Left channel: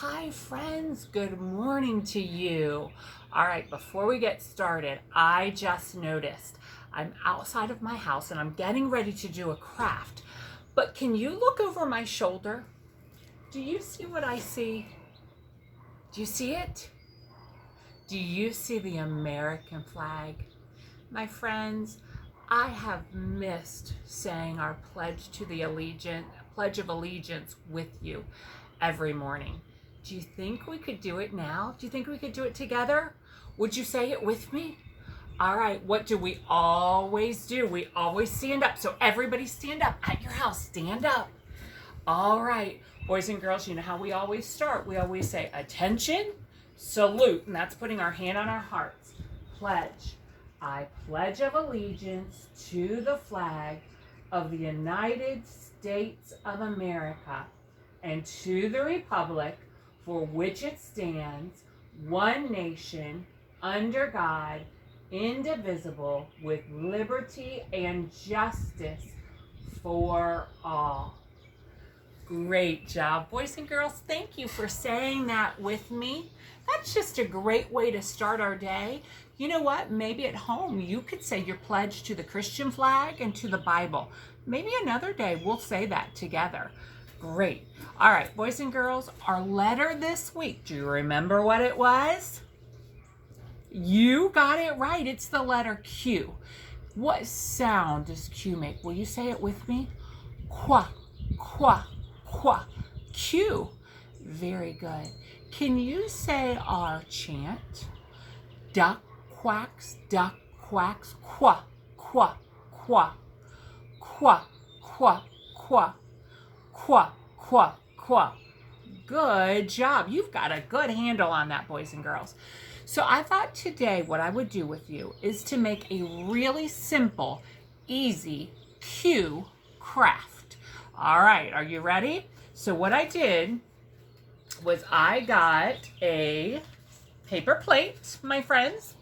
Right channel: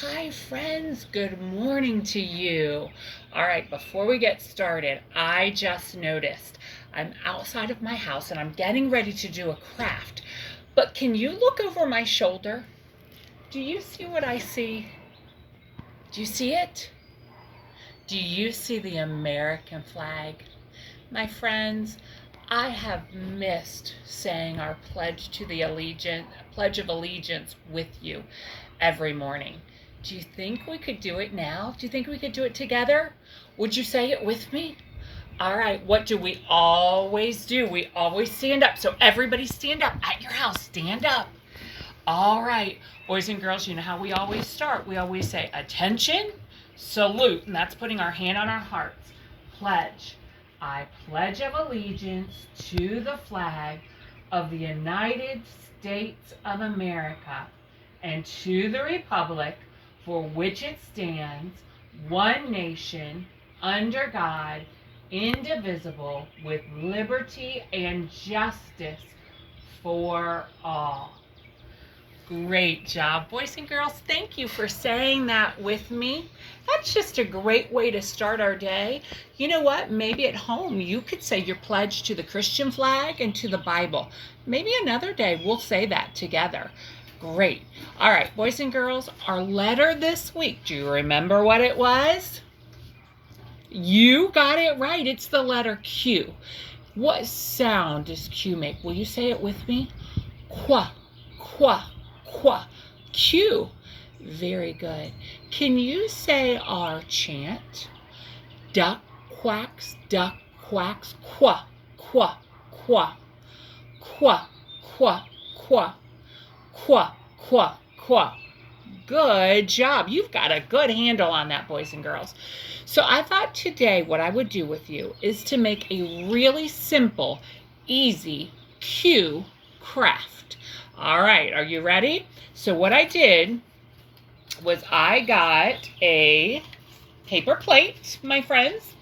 Hi friends, good morning to you. All right, before we get started, I just noticed I'm outside of my house and I'm getting ready to do a craft. But can you look over my shoulder? Do you see what I see? Do you see it? Do you see the American flag? My friends, I have missed saying our Pledge of Allegiance with you every morning. Do you think we could do it now? Do you think we could do it together? Would you say it with me? All right, what do we always do? We always stand up. So everybody stand up at your house. Stand up. All right, boys and girls, you know how we always start. We always say, attention, salute, and that's putting our hand on our hearts. Pledge. I pledge of allegiance to the flag of the United States of America and to the republic for which it stands, one nation, under God, indivisible, with liberty and justice for all. Great job, boys and girls. Thank you for saying that with me. That's just a great way to start our day. You know what? Maybe at home you could say your pledge to the Christian flag and to the Bible. Maybe another day we'll say that together. Great. All right, boys and girls, our letter this week, do you remember what it was? You got it right. It's the letter Q. What sound does Q make? Will you say it with me? Qua, qua. Qua, Q. Very good. Can you say our chant? Duck quacks, qua, qua, qua, qua, qua, qua, qua, qua, qua. Good job. You've got a good handle on that, boys and girls. So I thought today what I would do with you is to make a really simple, easy Q craft. All right, are you ready? So what I did was I got a paper plate, my friends,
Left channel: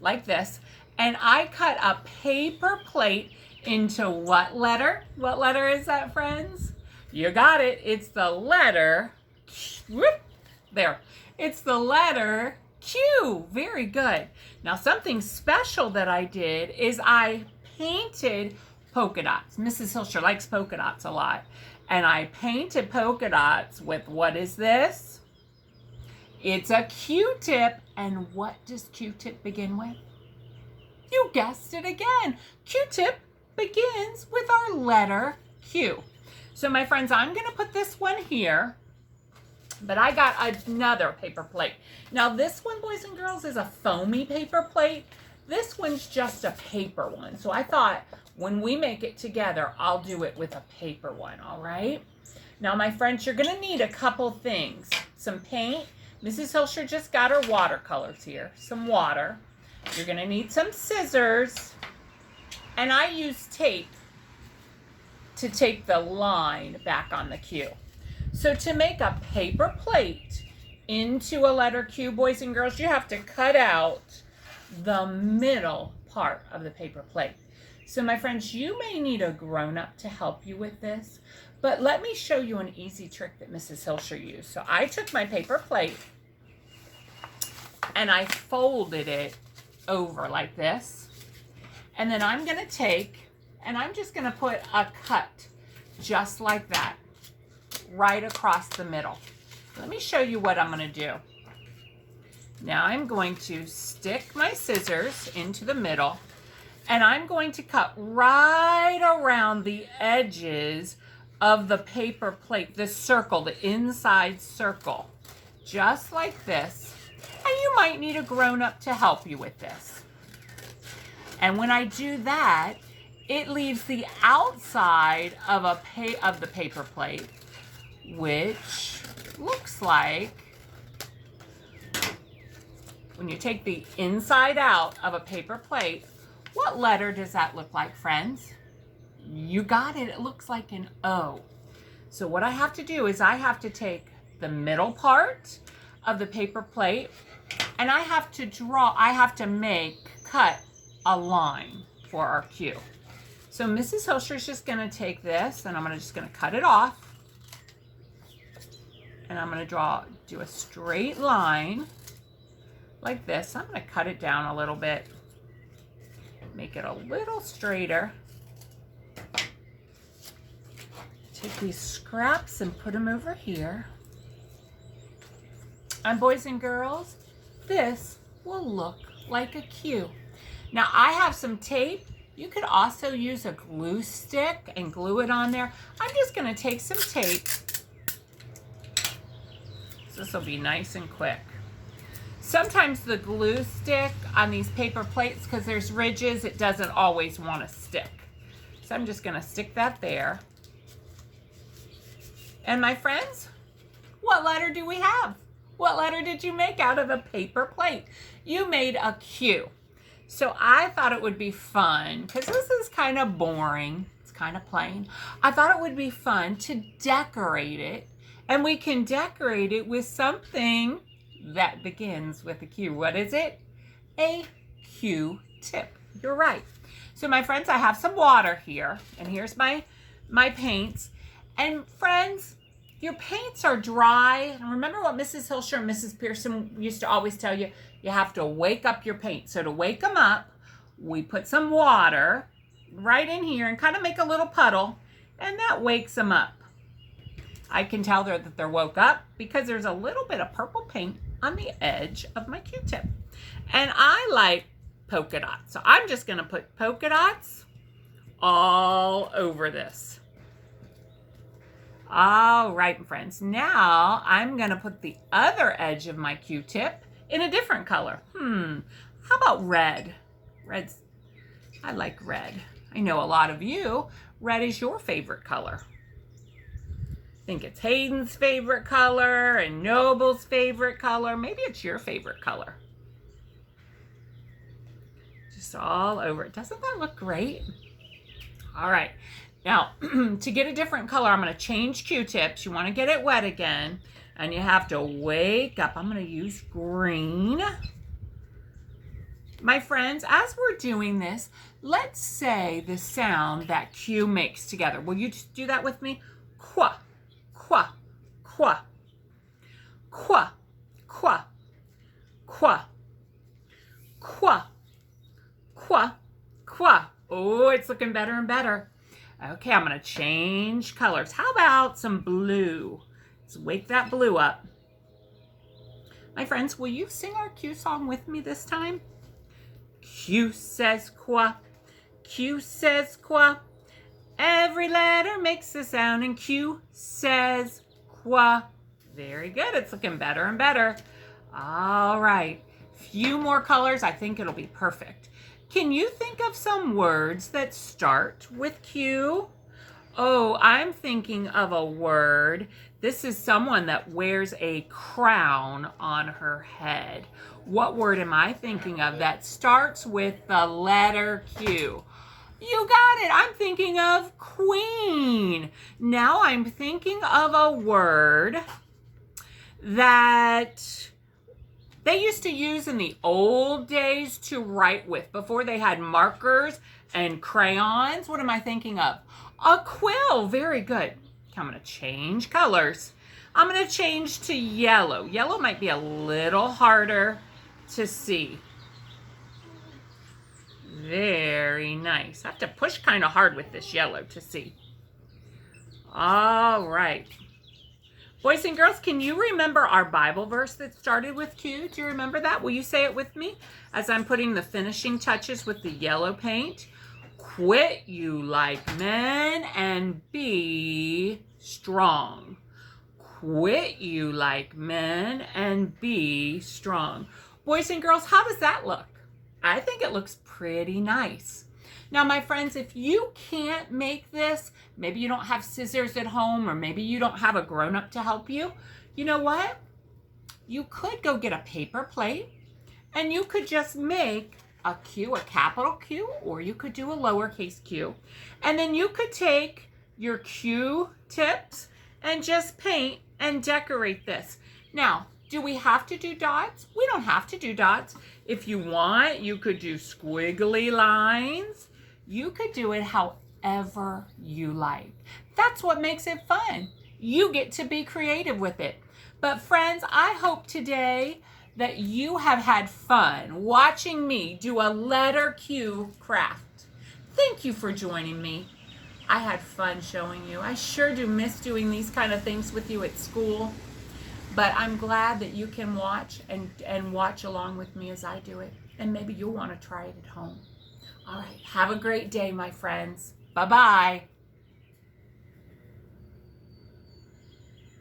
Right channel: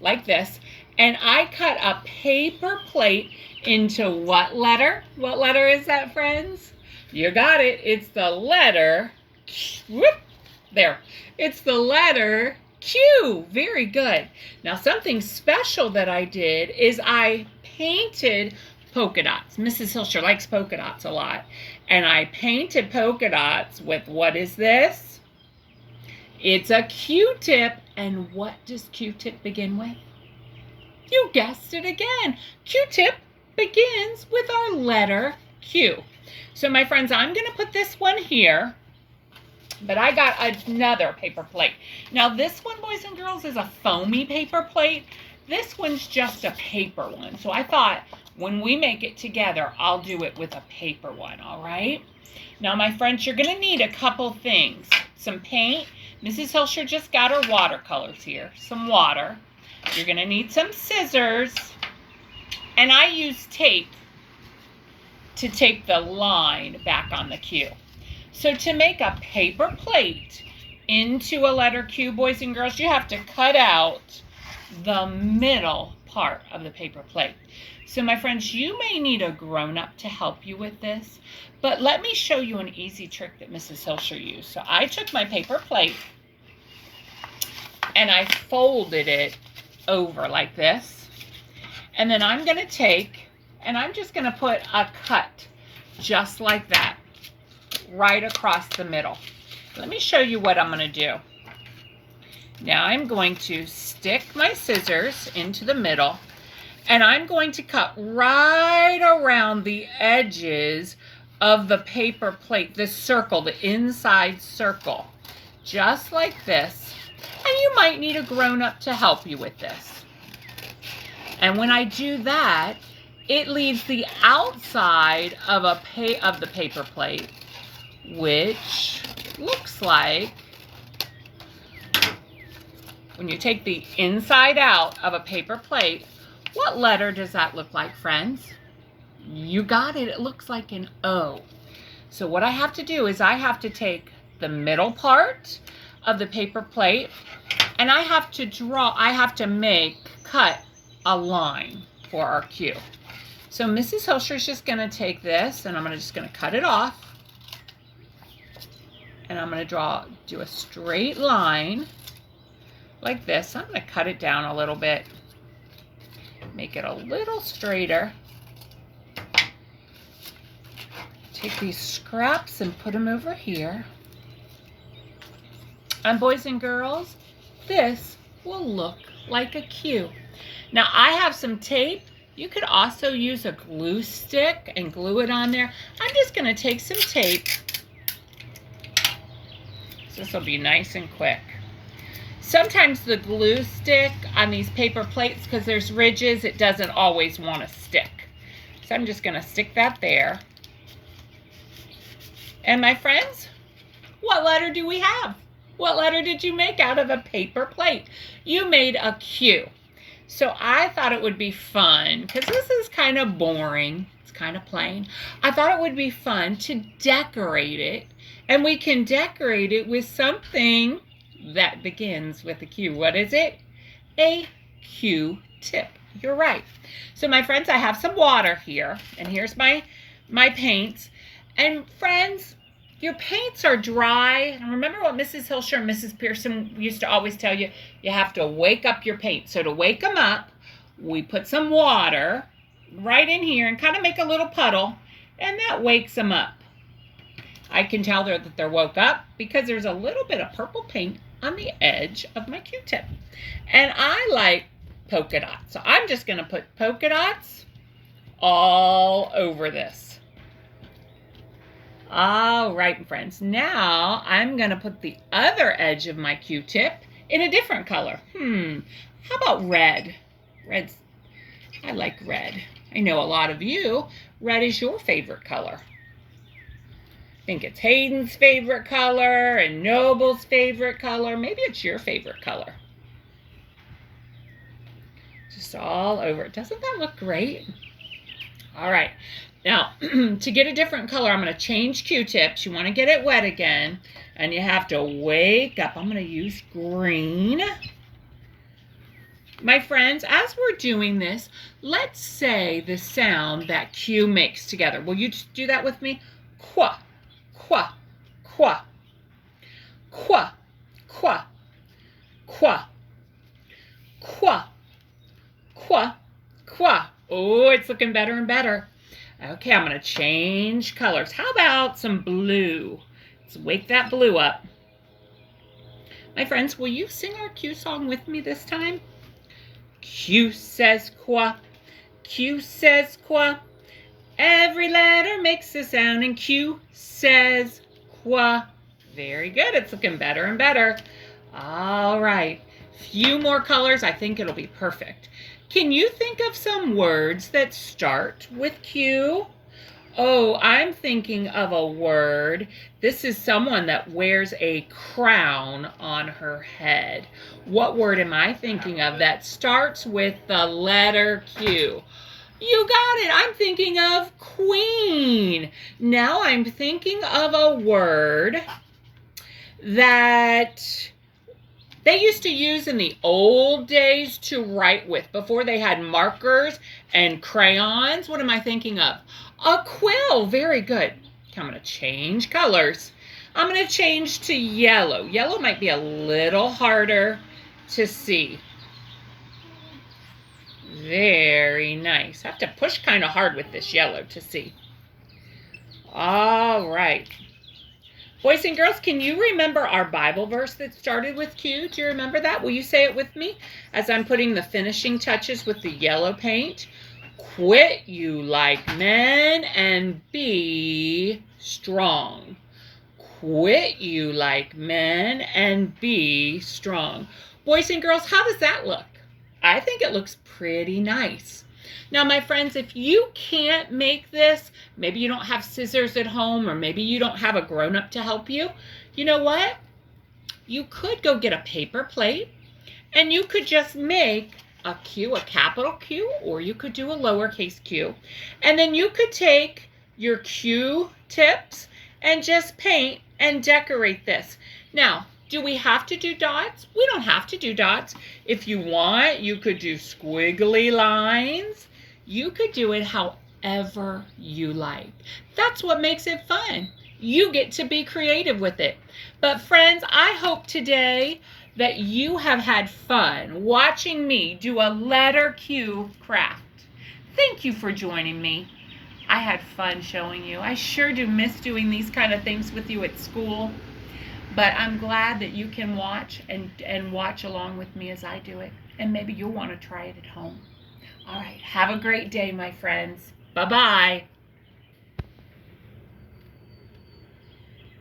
like this, and I cut a paper plate into what letter? What letter is that, friends? You got it. It's the letter, whoop, there. It's the letter Q. Very good. Now something special that I did is I painted polka dots. Mrs. Hilsher likes polka dots a lot. And I painted polka dots with, what is this? It's a Q-tip. And what does Q-tip begin with? You guessed it again. Q-tip begins with our letter Q. So my friends, I'm going to put this one here. But I got another paper plate. Now this one, boys and girls, is a foamy paper plate. This one's just a paper one. So I thought when we make it together, I'll do it with a paper one, all right? Now, my friends, you're going to need a couple things. Some paint. Mrs. Hilsher just got her watercolors here. Some water. You're going to need some scissors. And I use tape to tape the line back on the Q. So to make a paper plate into a letter Q, boys and girls, you have to cut out the middle part of the paper plate. So my friends, you may need a grown-up to help you with this, but let me show you an easy trick that Mrs. Hilsher used. So I took my paper plate and I folded it over like this. And then I'm going to take and I'm just going to put a cut just like that right across the middle. Let me show you what I'm going to do. Now I'm going to stick my scissors into the middle and I'm going to cut right around the edges of the paper plate, this circle, the inside circle, just like this. And you might need a grown-up to help you with this. And when I do that, it leaves the outside of the paper plate, which looks like, when you take the inside out of a paper plate, what letter does that look like, friends? You got it. It looks like an O. So what I have to do is I have to take the middle part of the paper plate and I have to cut a line for our Q. So Mrs. Hilsher is just going to take this and I'm just going to cut it off. and I'm going to do a straight line like this. I'm going to cut it down a little bit, make it a little straighter. Take these scraps and put them over here. And boys and girls, this will look like a Q. Now I have some tape. You could also use a glue stick and glue it on there. I'm just going to take some tape. So this will be nice and quick. Sometimes the glue stick on these paper plates, because there's ridges, it doesn't always want to stick. So I'm just going to stick that there. And my friends, what letter do we have? What letter did you make out of a paper plate? You made a Q. So I thought it would be fun, because this is kind of boring. It's kind of plain. I thought it would be fun to decorate it. And we can decorate it with something that begins with a Q. What is it? A Q-tip. You're right. So my friends, I have some water here. And here's my paints. And friends, your paints are dry. And remember what Mrs. Hilsher and Mrs. Pearson used to always tell you? You have to wake up your paint. So to wake them up, we put some water right in here and kind of make a little puddle. And that wakes them up. I can tell that they're woke up because there's a little bit of purple paint on the edge of my Q-tip. And I like polka dots. So I'm just going to put polka dots all over this. All right, friends. Now I'm going to put the other edge of my Q-tip in a different color. How about red? I like red. I know a lot of you, red is your favorite color. I think it's Hayden's favorite color and Noble's favorite color. Maybe it's your favorite color. Just all over it. Doesn't that look great? All right. Now, to get a different color, I'm going to change Q-tips. You want to get it wet again, and you have to wake up. I'm going to use green. My friends, as we're doing this, let's say the sound that Q makes together. Will you do that with me? Qua, qua, qua, qua, qua, qua, qua, qua, qua. Oh, it's looking better and better. Okay, I'm going to change colors. How about some blue? Let's wake that blue up. My friends, will you sing our Q song with me this time? Q says qua, Q says qua. Every letter makes a sound, and Q says qua. Very good. It's looking better and better. All right. Few more colors. I think it'll be perfect. Can you think of some words that start with Q? Oh, I'm thinking of a word. This is someone that wears a crown on her head. What word am I thinking of that starts with the letter Q? You got it. I'm thinking of queen. Now I'm thinking of a word that they used to use in the old days to write with, before they had markers and crayons. What am I thinking of? A quill. Very good. I'm going to change colors. I'm going to change to yellow. Yellow might be a little harder to see. Very nice. I have to push kind of hard with this yellow to see. All right. Boys and girls, can you remember our Bible verse that started with Q? Do you remember that? Will you say it with me as I'm putting the finishing touches with the yellow paint? Quit you like men and be strong. Quit you like men and be strong. Boys and girls, how does that look? I think it looks pretty nice. Now, my friends, if you can't make this, maybe you don't have scissors at home, or maybe you don't have a grown-up to help you, you know what? You could go get a paper plate, and you could just make a Q, a capital Q, or you could do a lowercase q. And then you could take your Q tips and just paint and decorate this. Now, do we have to do dots? We don't have to do dots. If you want, you could do squiggly lines. You could do it however you like. That's what makes it fun. You get to be creative with it. But friends, I hope today that you have had fun watching me do a letter Q craft. Thank you for joining me. I had fun showing you. I sure do miss doing these kind of things with you at school. But I'm glad that you can watch and watch along with me as I do it. And maybe you'll want to try it at home. All right. Have a great day, my friends. Bye-bye.